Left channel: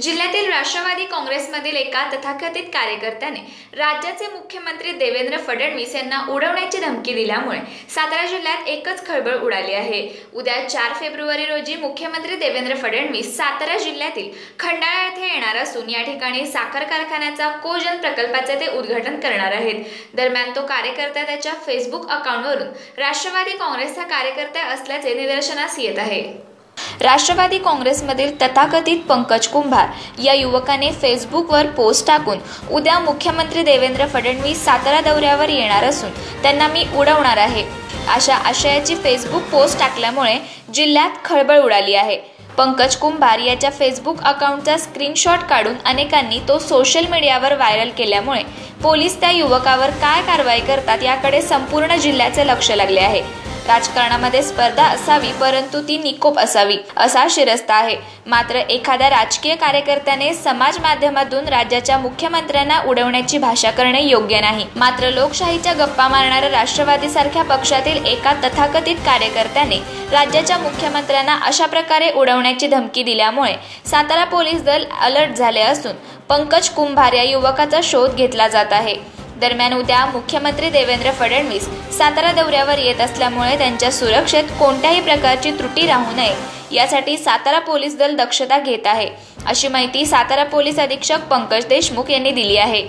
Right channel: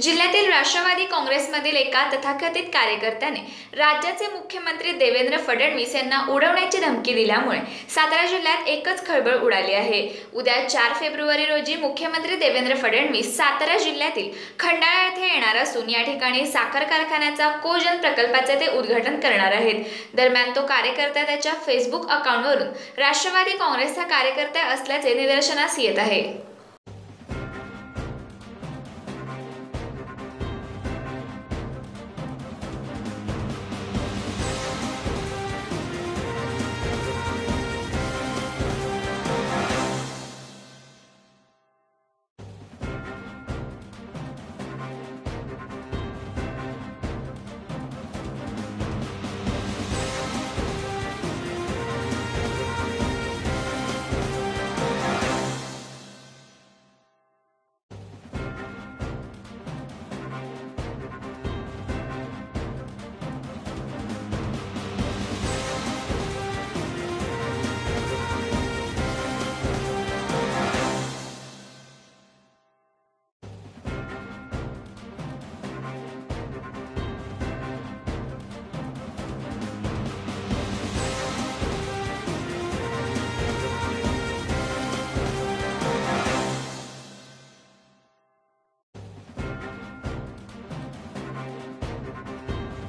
जिल्ह्यातील राष्ट्रवादी काँग्रेसमधील एका तथाकथित कार्यकर्त्याने राज्याचे मुख्यमंत्री देवेंद्र फडणवीस यांना उडवण्याची धमकी दिल्यामुळे सातारा जिल्ह्यात एकच खळबळ उडाली आहे। उद्या 4 फेब्रुवारी रोजी मुख्यमंत्री देवेंद्र फडणवीस सातारा जिल्ह्यातील खंडाळा येथे येणार असून या ठिकाणी साखर कारखान्याचा कोजन प्रकल्पाचे ते उद्घाटन करणार आहेत। दरम्यान तो कार्यकर्ता त्याच्या फेसबुक अकाउंटवरून राष्ट्रवादी काँग्रेसचा कार्यकर्ता असल्याचे निदर्शनास येत आहे। राष्ट्रवादी काँग्रेसमधील तथाकथित पंकज कुंभार या युवकाने फेसबुकवर पोस्ट टाकून उद्या मुख्यमंत्री देवेंद्र फडणवीस सातारा दौऱ्यावर येणार असून त्यांना मी उडवणार आहे अशा आशयाची फेसबुक पोस्ट टाकल्यामुळे जिल्ह्यात खळबळ उडाली आहे। पंकज कुंभार याच्या फेसबुक अकाउंटचा स्क्रीनशॉट काढून अनेकांनी तो सोशल मीडियावर व्हायरल केल्यामुळे पोलीस त्या युवकावर काय कारवाई करतात याकडे संपूर्ण जिल्ह्याचे लक्ष लागले आहे। राजकारणामध्ये स्पर्धा असावी परंतु ती निकोप असावी असा शिरस्ता आहे। मात्र एखाद्या राजकीय कार्यकर्त्याने समाज माध्यमातून राज्याच्या मुख्यमंत्र्यांना उडवण्याची भाषा करणे योग्य नाही। मात्र लोकशाहीच्या गप्पा मारणाऱ्या राष्ट्रवादीसारख्या पक्षातील एका तथाकथित कार्यकर्त्याने राज्याच्या मुख्यमंत्र्यांना अशा प्रकारे उडवण्याची धमकी दिल्यामुळे सातारा पोलीस दल अलर्ट झाले असून पंकज कुंभार या युवकाचा शोध घेतला जात आहे। दरम्यान उद्या मुख्यमंत्री देवेंद्र फडणवीस सातारा दौऱ्यावर येत असल्यामुळे त्यांच्या सुरक्षेत कोणत्याही प्रकारची त्रुटी राहू नये यासाठी सातारा पोलीस दल दक्षता घेत आहे, अशी माहिती सातारा पोलीस अधीक्षक पंकज देशमुख यांनी दिली आहे।